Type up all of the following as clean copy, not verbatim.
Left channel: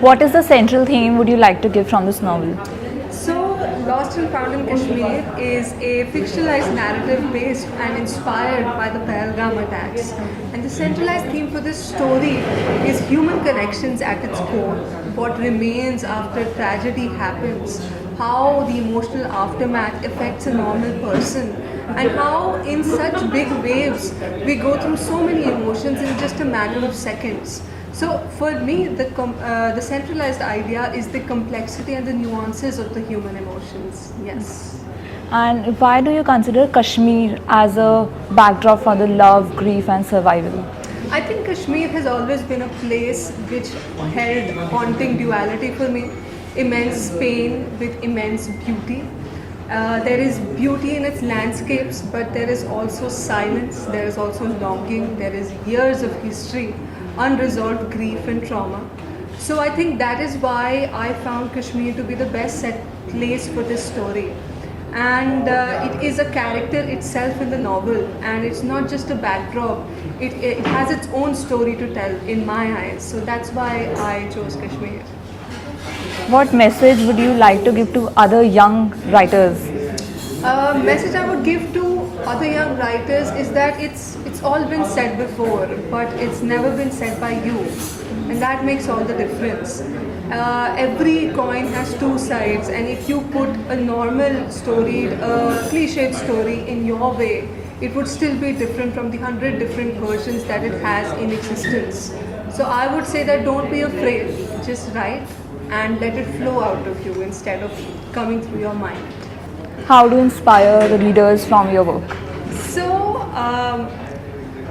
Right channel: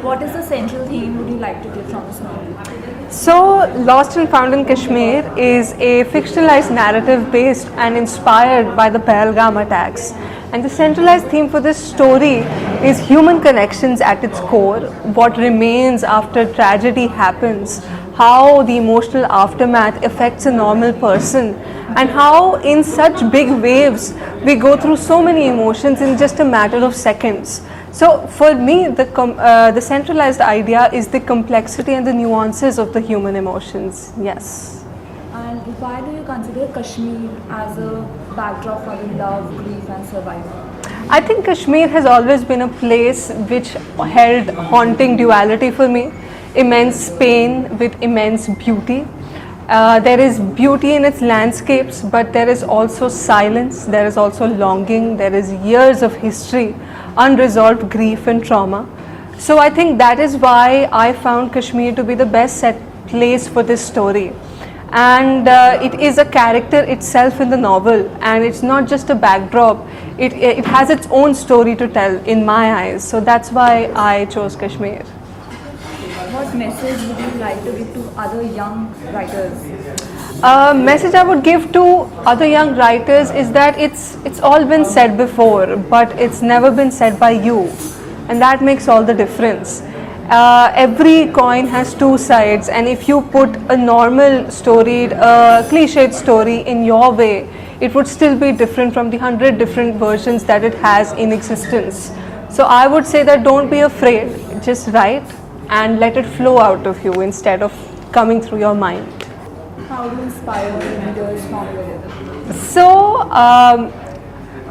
What is the central theme would you like to give from this novel? So, Lost and Found in Kashmir is a fictionalized narrative based and inspired by the Pahalgam attacks. And the centralized theme for this story is human connections at its core, what remains after tragedy happens, how the emotional aftermath affects a normal person, and how in such big waves we go through so many emotions in just a matter of seconds. So for me, the centralized idea is the complexity and the nuances of the human emotions. Yes. And why do you consider Kashmir as a backdrop for the love, grief, and survival? I think Kashmir has always been a place which held haunting duality for me. Immense pain with immense beauty. There is beauty in its landscapes, but there is also silence, there is also longing, there is years of history, unresolved grief and trauma. So I think that is why I found Kashmir to be the best set place for this story. And it is a character itself in the novel, and it's not just a backdrop, it has its own story to tell in my eyes. So that's why I chose Kashmir. What message would you like to give to other young writers? Message I would give to other young writers is that it's all been said before, but it's never been said by you, and that makes all the difference. Every coin has two sides, and if you put a normal story, a cliched story in your way, it would still be different from the 100 different versions that it has in existence. So I would say that don't be afraid, just write and let it flow out of you instead of coming through your mind. How do you inspire the readers from your work? So,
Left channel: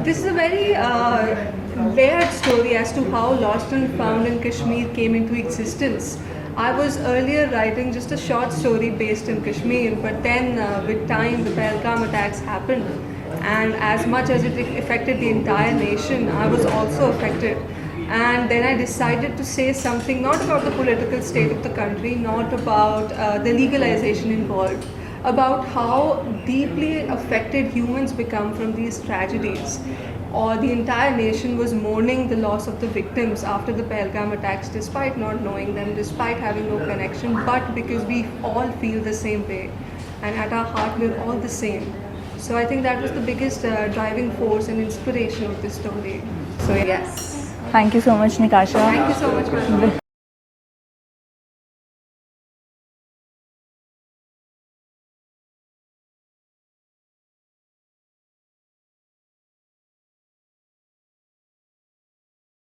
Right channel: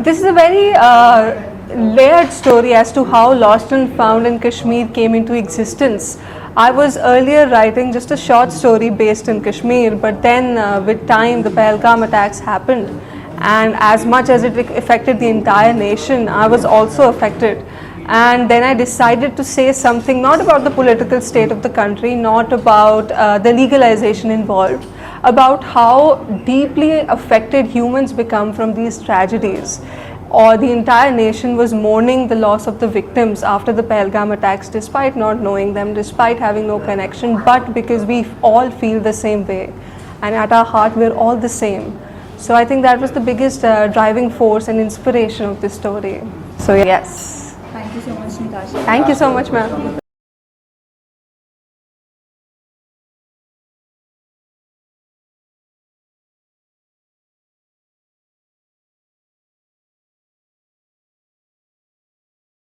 this is a very layered story as to how Lost and Found in Kashmir came into existence. I was earlier writing just a short story based in Kashmir, but then with time the Pahalgam attacks happened, and as much as it affected the entire nation, I was also affected. And then I decided to say something not about the political state of the country, not about the legalization involved, about how deeply affected humans become from these tragedies. Or the entire nation was mourning the loss of the victims after the Pahalgam attacks, despite not knowing them, despite having no connection, but because we all feel the same way, and at our heart we're all the same. So I think that was the biggest driving force and inspiration of this story. So yes. Thank you so much, Nikasha. Thank you so much, ma'am.